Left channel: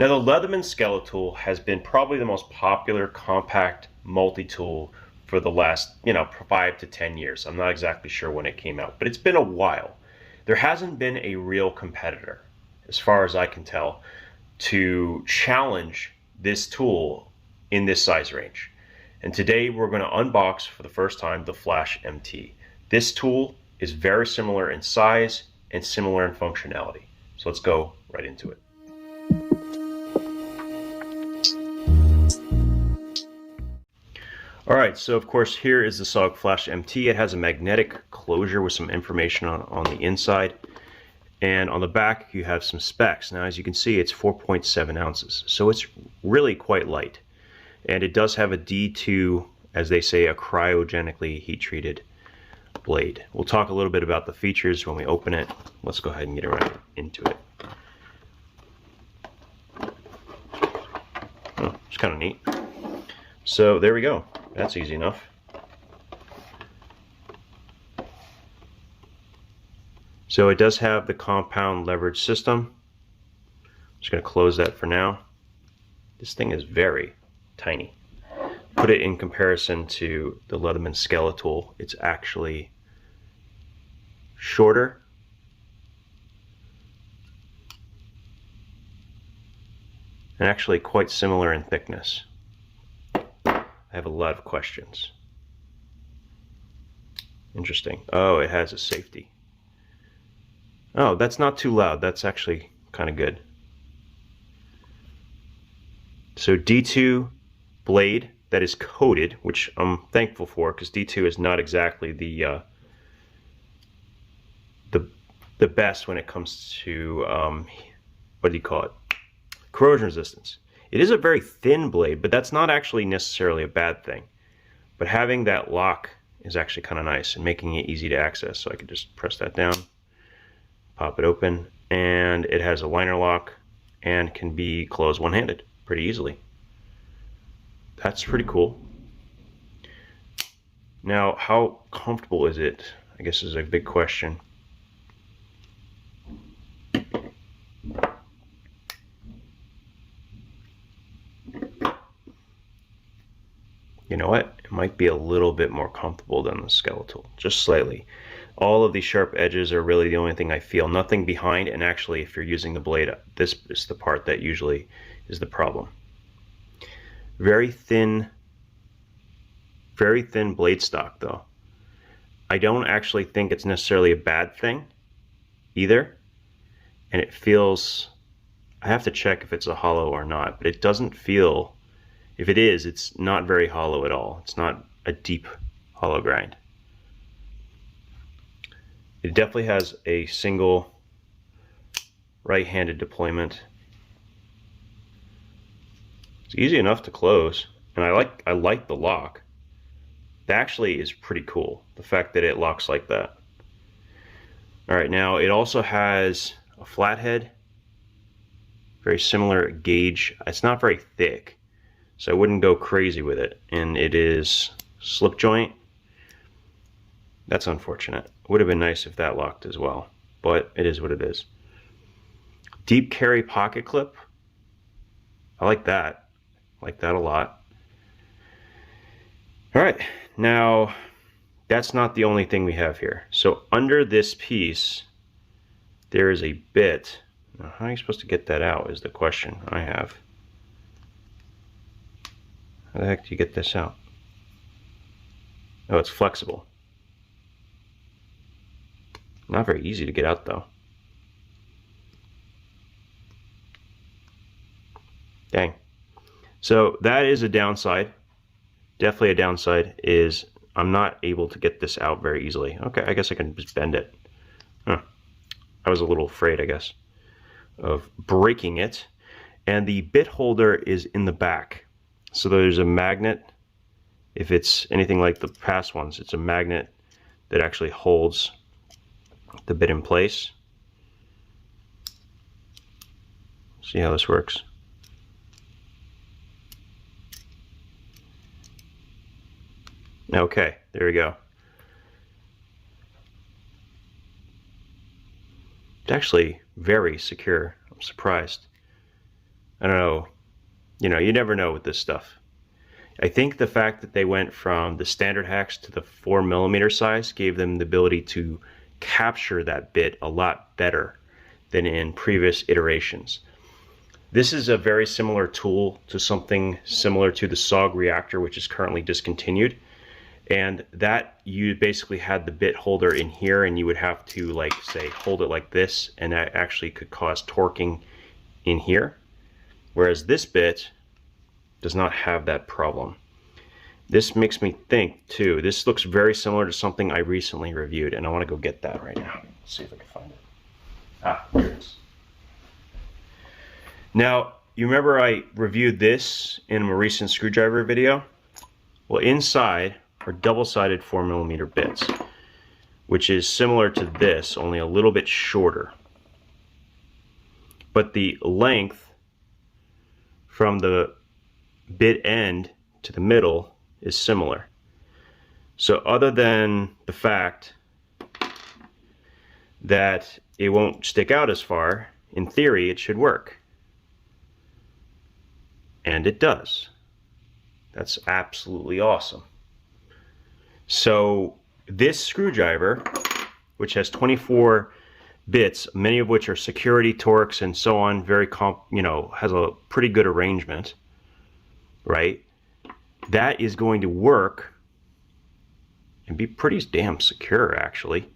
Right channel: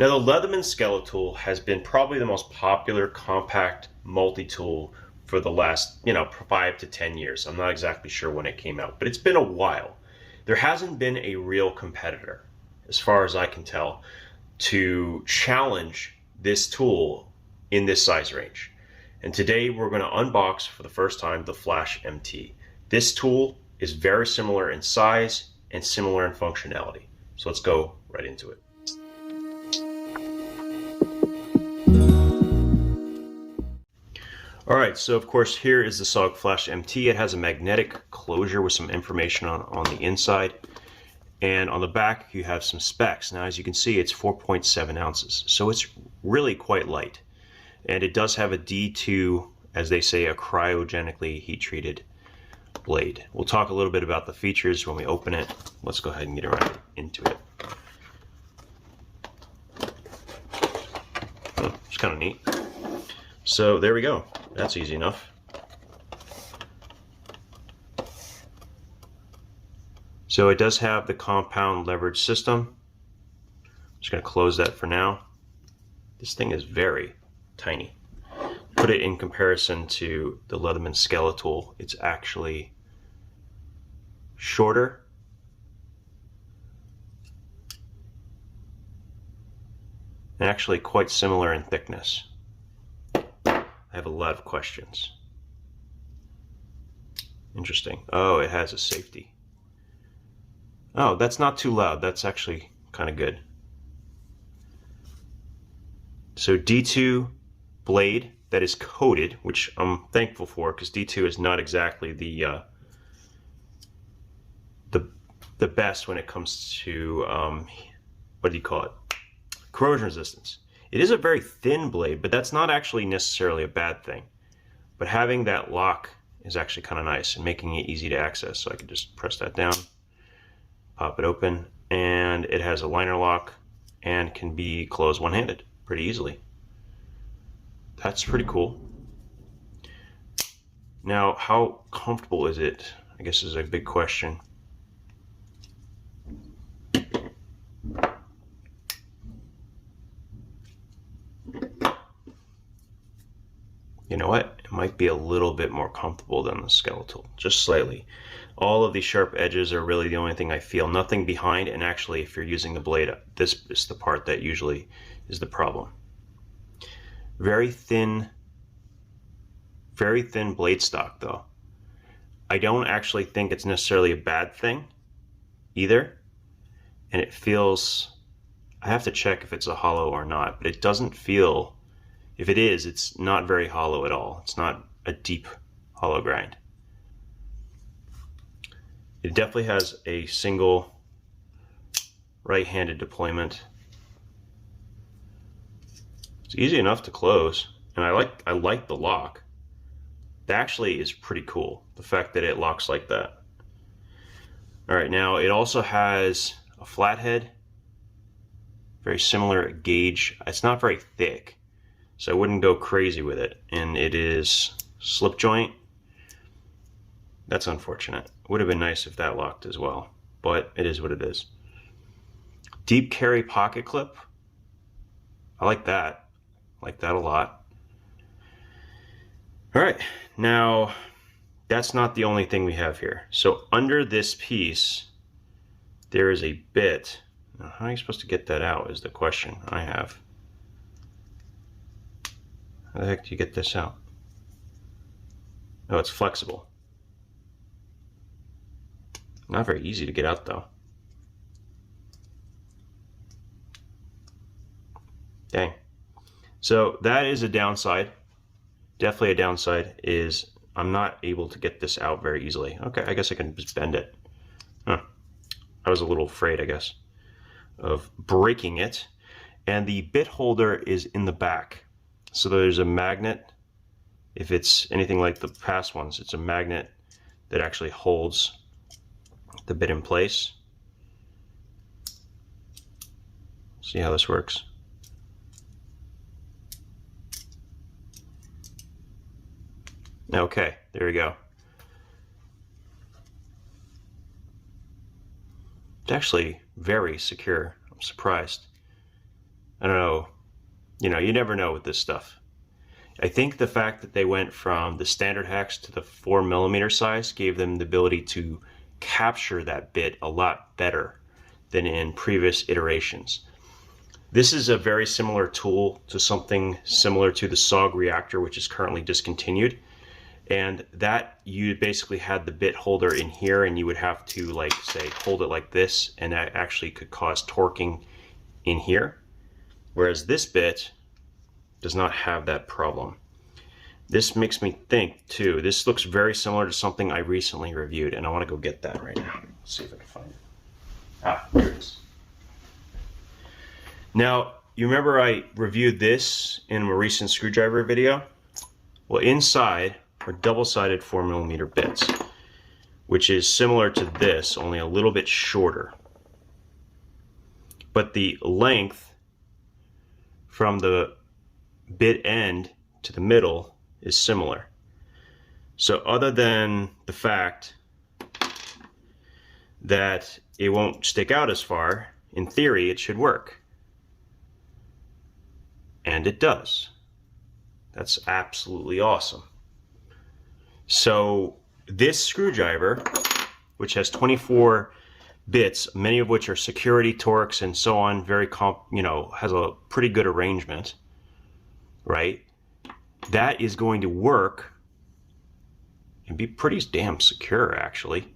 Now, the Leatherman skeletool has been probably the most popular compact multi-tool for the last, 5 to 10 years. I'm not exactly sure when it came out, but it's been a while. There hasn't been a real competitor, as far as I can tell, to challenge this tool in this size range. And today we're going to unbox for the first time the Flash MT. This tool is very similar in size and similar in functionality. So let's go right into it. All right, so of course here is the SOG Flash MT. It has a magnetic closure with some information on the inside. And on the back you have some specs. Now as you can see, it's 4.7 ounces. So it's really quite light. And it does have a D2, as they say, a cryogenically heat-treated blade. We'll talk a little bit about the features when we open it. Let's go ahead and get right into it. It's kind of neat. So there we go. That's easy enough. So it does have the compound leverage system. I'm just going to close that for now. This thing is very tiny. Put it in comparison to the Leatherman skeletool, it's actually shorter. And actually quite similar in thickness. I have a lot of questions. Interesting. Oh, it has a safety. Oh, that's not too loud. That's actually kind of good. So D2 blade that is coated, which I'm thankful for because D2 is not exactly the best when it comes to what do you call it? Corrosion resistance. It is a very thin blade, but that's not actually necessarily a bad thing. But having that lock is actually kind of nice and making it easy to access. So I can just press that down, pop it open, and it has a liner lock and can be closed one-handed pretty easily. That's pretty cool. Now, how comfortable is it? I guess is a big question. You know what? It might be a little bit more comfortable than the skeletal, just slightly. All of these sharp edges are really the only thing I feel. Nothing behind, and actually if you're using the blade, this is the part that usually is the problem. Very thin blade stock though. I don't actually think it's necessarily a bad thing either. And it feels, I have to check if it's a hollow or not, but it doesn't feel, if it is, it's not very hollow at all. It's not a deep hollow grind. It definitely has a single right-handed deployment. It's easy enough to close, and I like the lock. That actually is pretty cool, the fact that it locks like that. All right, now it also has a flathead, very similar gauge. It's not very thick, so I wouldn't go crazy with it. And it is slip joint. That's unfortunate. Would have been nice if that locked as well, but it is what it is. Deep carry pocket clip. I like that. I like that a lot. All right, now that's not the only thing we have here. So under this piece, there is a bit. Now, how are you supposed to get that out is the question I have. How the heck do you get this out? Oh, it's flexible. Not very easy to get out though. Dang. So that is a downside. Definitely a downside is I'm not able to get this out very easily. Okay, I guess I can just bend it. Huh. I was a little afraid, I guess, of breaking it. And the bit holder is in the back. So there's a magnet. If it's anything like the past ones, it's a magnet that actually holds the bit in place. See how this works. Okay, there we go. It's actually very secure. I'm surprised. I don't know, you know, you never know with this stuff. I think the fact that they went from the standard hex to the 4mm size gave them the ability to capture that bit a lot better than in previous iterations. This is a very similar tool to something similar to the SOG reactor, which is currently discontinued. And that you basically had the bit holder in here, and you would have to, like, say, hold it like this, and that actually could cause torquing in here. Whereas this bit does not have that problem. This makes me think too, this looks very similar to something I recently reviewed, and I want to go get that right now. Let's see if I can find it. Ah, here it is. Now, you remember I reviewed this in a recent screwdriver video? Well, inside are double-sided 4mm bits, which is similar to this, only a little bit shorter. But the length from the bit end to the middle is similar. So other than the fact that it won't stick out as far, in theory it should work. And it does. That's absolutely awesome. So this screwdriver, which has 24 bits, many of which are security torques and so on, has a pretty good arrangement, right? That is going to work and be pretty damn secure, actually,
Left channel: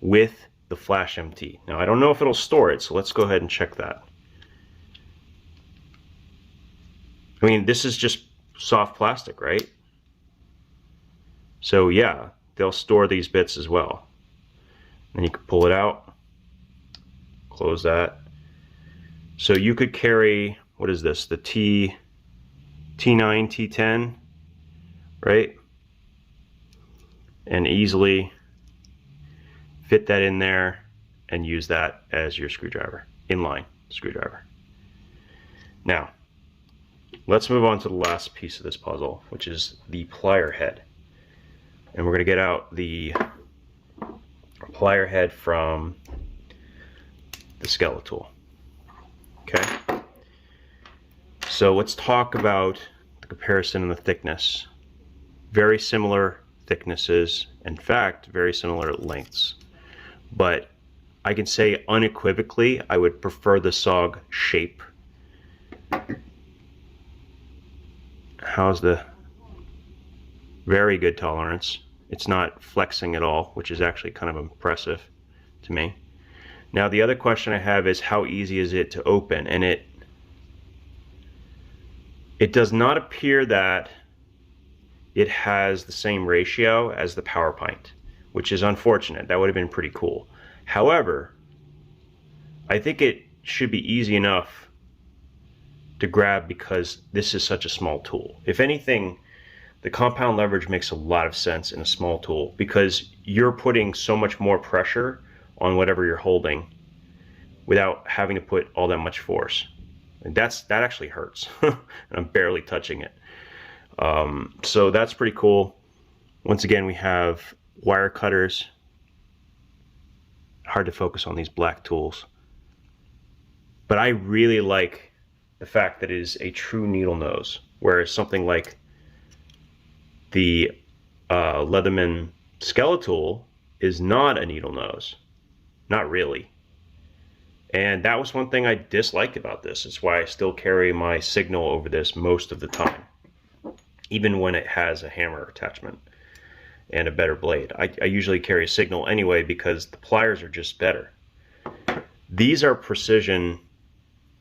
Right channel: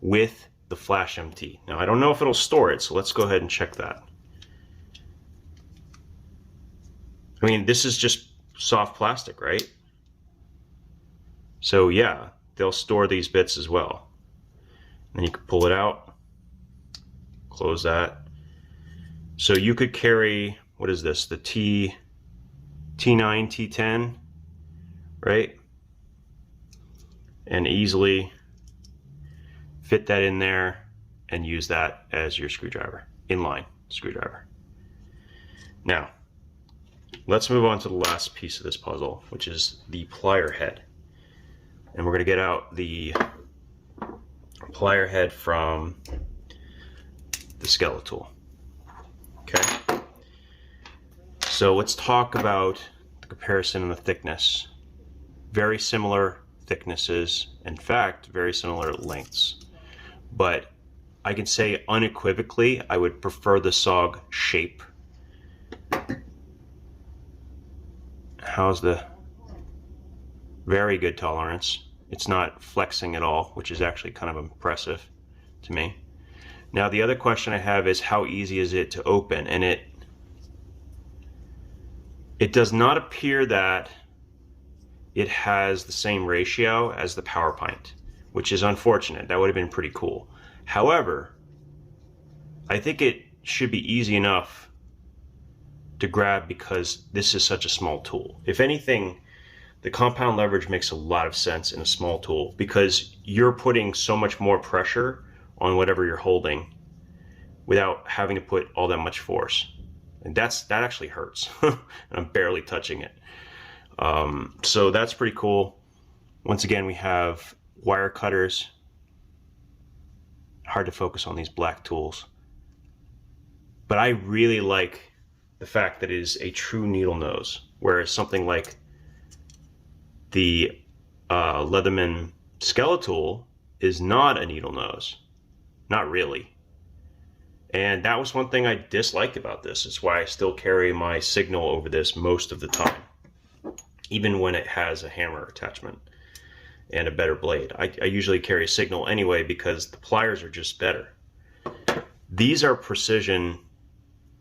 with the Flash MT. Now, I don't know if it'll store it, so let's go ahead and check that. I mean, this is just soft plastic, right? So yeah, they'll store these bits as well. And you can pull it out, close that. So you could carry, what is this, the T9, T10, right? And easily fit that in there and use that as your screwdriver, inline screwdriver. Now, let's move on to the last piece of this puzzle, which is the plier head. And we're going to get out the plier head from the skeletool. Okay? So let's talk about the comparison and the thickness. Very similar thicknesses, in fact, very similar lengths. But I can say unequivocally, I would prefer the SOG shape. How's the very good tolerance? It's not flexing at all, which is actually kind of impressive to me. Now the other question I have is how easy is it to open? And it does not appear that it has the same ratio as the power pint, which is unfortunate. That would have been pretty cool. However, I think it should be easy enough to grab because this is such a small tool. If anything, the compound leverage makes a lot of sense in a small tool because you're putting so much more pressure on whatever you're holding without having to put all that much force. And that actually hurts. And I'm barely touching it. So that's pretty cool. Once again, we have wire cutters. Hard to focus on these black tools. But I really like the fact that it is a true needle nose, whereas something like the Leatherman skeletool is not a needle nose. Not really. And that was one thing I disliked about this. It's why I still carry my signal over this most of the time, even when it has a hammer attachment and a better blade. I usually carry a signal anyway because the pliers are just better. These are precision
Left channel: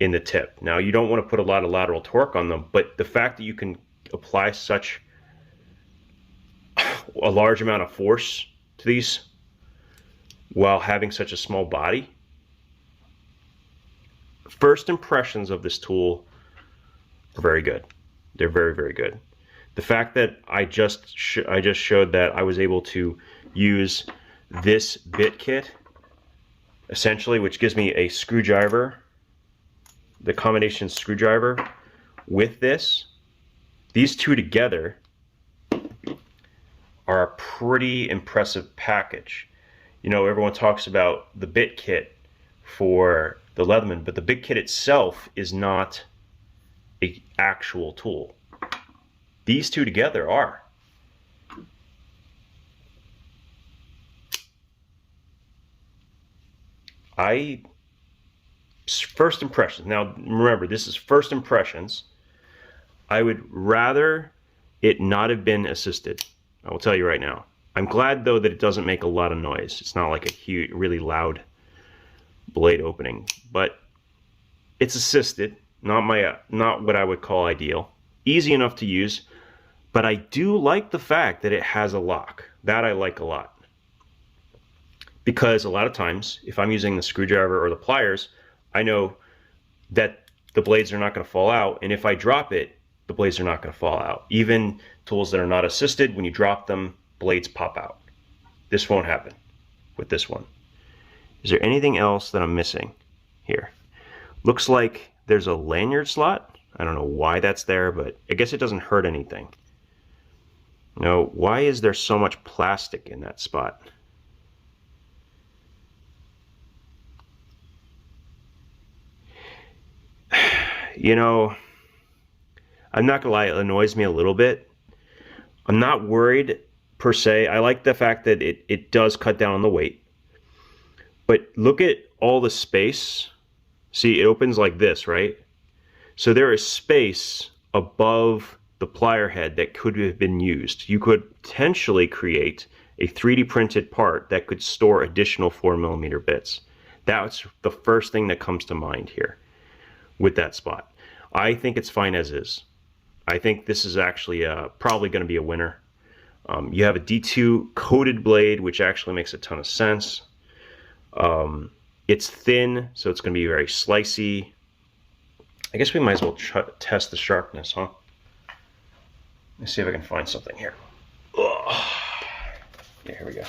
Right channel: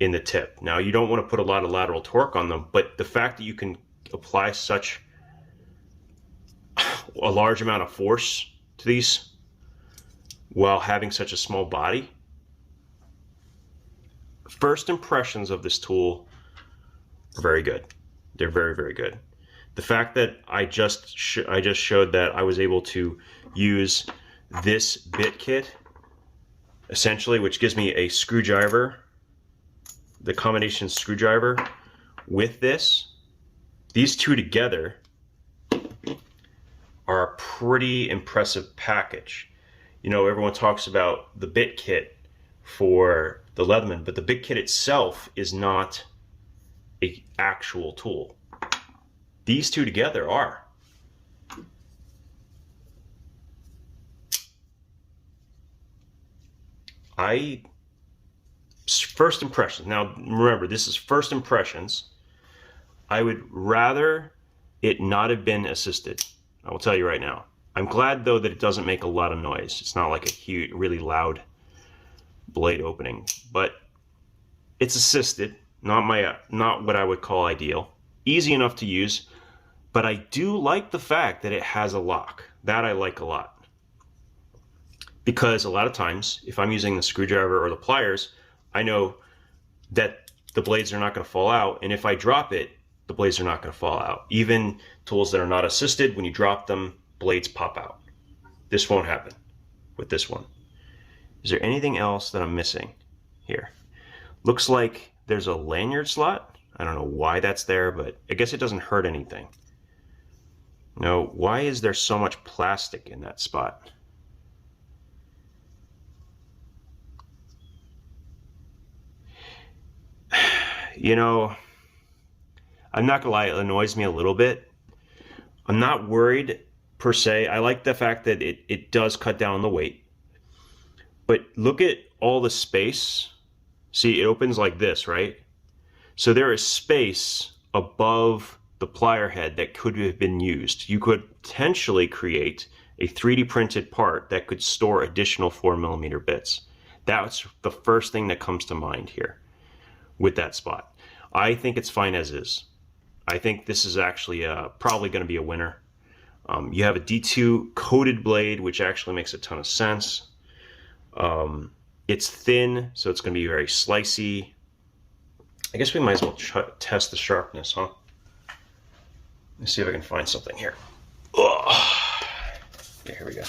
in the tip. Now, you don't want to put a lot of lateral torque on them, but the fact that you can apply such a large amount of force to these while having such a small body. First impressions of this tool are very good. They're very, very good. The fact that I just showed that I was able to use this bit kit, essentially, which gives me a screwdriver, the combination screwdriver with this, these two together are a pretty impressive package. You know, everyone talks about the bit kit for the Leatherman, but the bit kit itself is not a actual tool. These two together are. First impressions. Now remember, this is first impressions. I would rather it not have been assisted. I will tell you right now. I'm glad though that it doesn't make a lot of noise. It's not like a huge, really loud blade opening, but it's assisted. Not what I would call ideal. Easy enough to use, but I do like the fact that it has a lock. That I like a lot. Because a lot of times, if I'm using the screwdriver or the pliers, I know that the blades are not going to fall out, and if I drop it, the blades are not going to fall out. Even tools that are not assisted, when you drop them, blades pop out. This won't happen with this one. Is there anything else that I'm missing here? Looks like there's a lanyard slot. I don't know why that's there, but I guess it doesn't hurt anything. No, why is there so much plastic in that spot? You know, I'm not gonna lie, it annoys me a little bit. I'm not worried per se. I like the fact that it does cut down on the weight. But look at all the space. See, it opens like this, right? So there is space above the plier head that could have been used. You could potentially create a 3D printed part that could store additional 4mm bits. That's the first thing that comes to mind here with that spot. I think it's fine as is. I think this is actually probably going to be a winner. You have a D2 coated blade, which actually makes a ton of sense. It's thin, so it's going to be very slicey. I guess we might as well test the sharpness, huh? Let's see if I can find something here. Ugh. Yeah, here we go.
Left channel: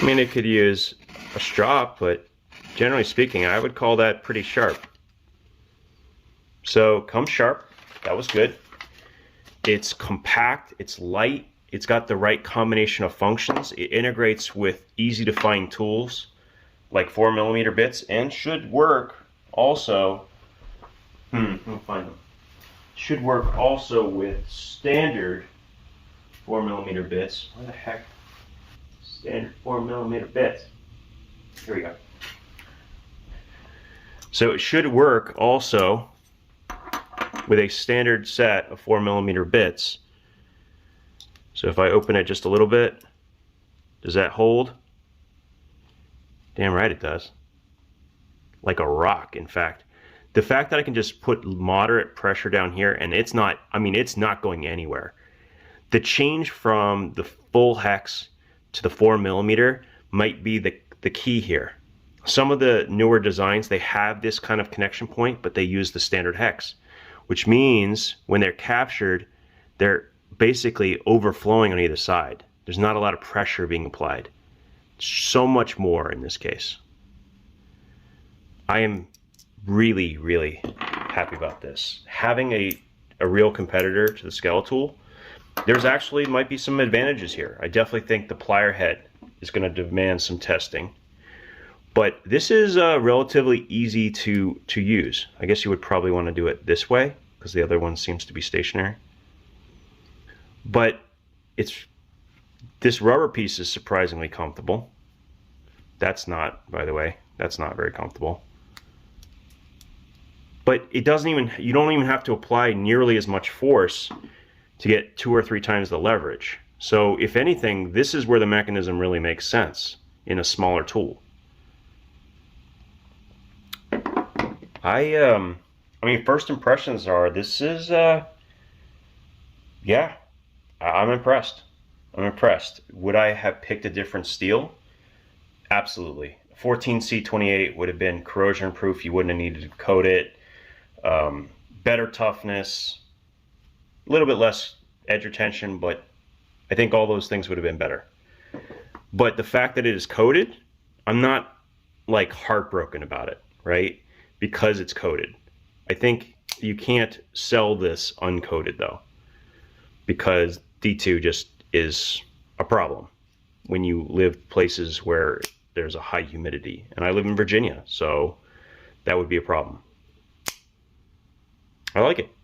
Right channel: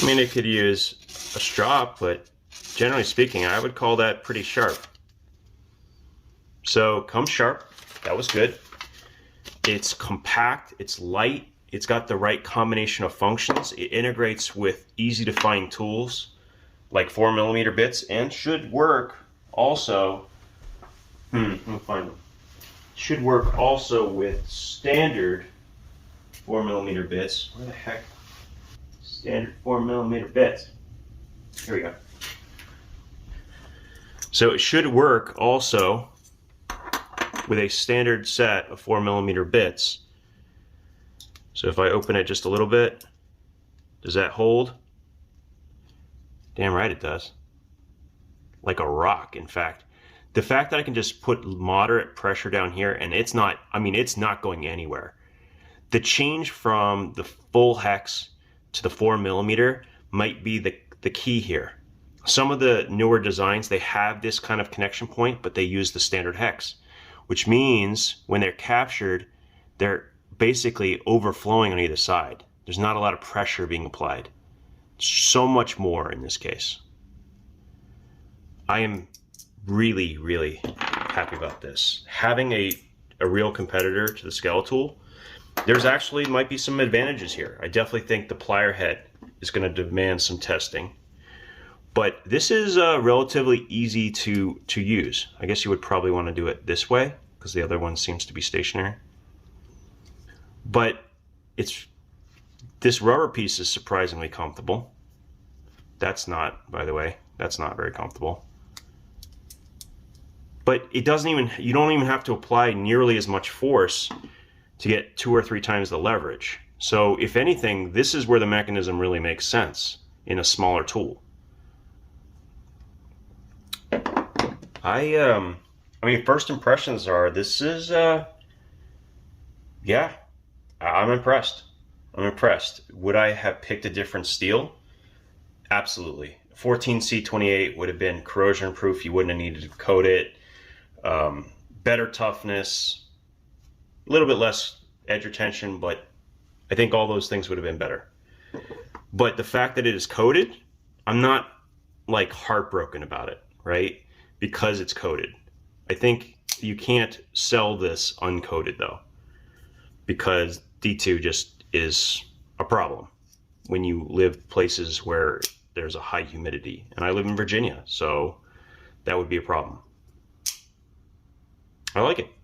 I mean, it could use a strop, but generally speaking, I would call that pretty sharp. So, comes sharp. That was good. It's compact, it's light, it's got the right combination of functions. It integrates with easy to find tools like 4mm bits and should work also. Let me find them. Should work also with standard 4mm bits. Where the heck? Standard 4mm bits. Here we go. So it should work also with a standard set of 4mm bits. So if I open it just a little bit, does that hold? Damn right it does. Like a rock, in fact. The fact that I can just put moderate pressure down here and it's not, I mean, it's not going anywhere. The change from the full hex to the 4mm might be the key here. Some of the newer designs, they have this kind of connection point, but they use the standard hex, which means when they're captured, they're basically overflowing on either side. There's not a lot of pressure being applied. So much more in this case. I am really, really happy about this. Having a real competitor to the skeletool, there's actually might be some advantages here. I definitely think the plier head is going to demand some testing. But this is relatively easy to use. I guess you would probably want to do it this way because the other one seems to be stationary. But this rubber piece is surprisingly comfortable. That's not, by the way, that's not very comfortable. But it doesn't even, you don't even have to apply nearly as much force to get 2 or 3 times the leverage. So if anything, this is where the mechanism really makes sense in a smaller tool. I mean, first impressions are, this is, yeah, I'm impressed. I'm impressed. Would I have picked a different steel? Absolutely. 14C28 would have been corrosion proof. You wouldn't have needed to coat it. Better toughness, a little bit less edge retention, but I think all those things would have been better. But the fact that it is coated, I'm not like heartbroken about it, right? Because it's coated. I think You can't sell this uncoated though, because D2 just is a problem when you live places where there's a high humidity. And I live in Virginia, so that would be a problem. I like it.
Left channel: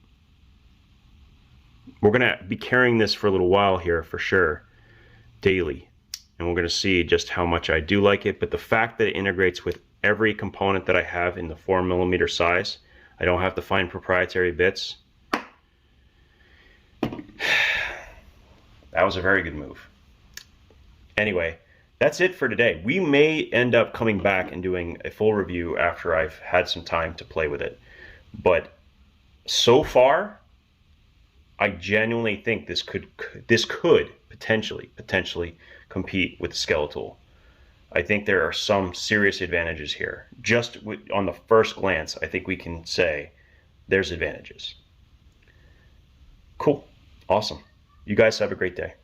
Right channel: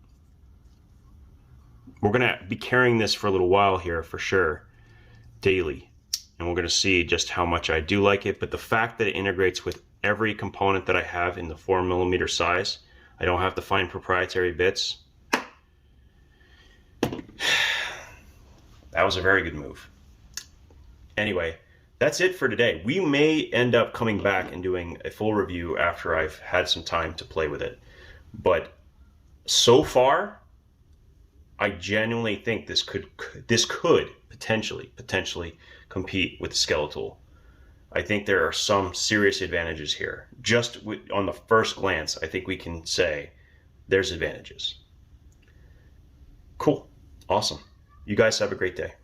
We're gonna be carrying this for a little while here for sure, daily. And we're gonna see just how much I do like it. But the fact that it integrates with every component that I have in the 4mm size, I don't have to find proprietary bits. That was a very good move. Anyway, that's it for today. We may end up coming back and doing a full review after I've had some time to play with it. But so far, I genuinely think this could potentially compete with the skeletool. I think there are some serious advantages here. Just on the first glance, I think we can say there's advantages. Cool. Awesome. You guys have a great day.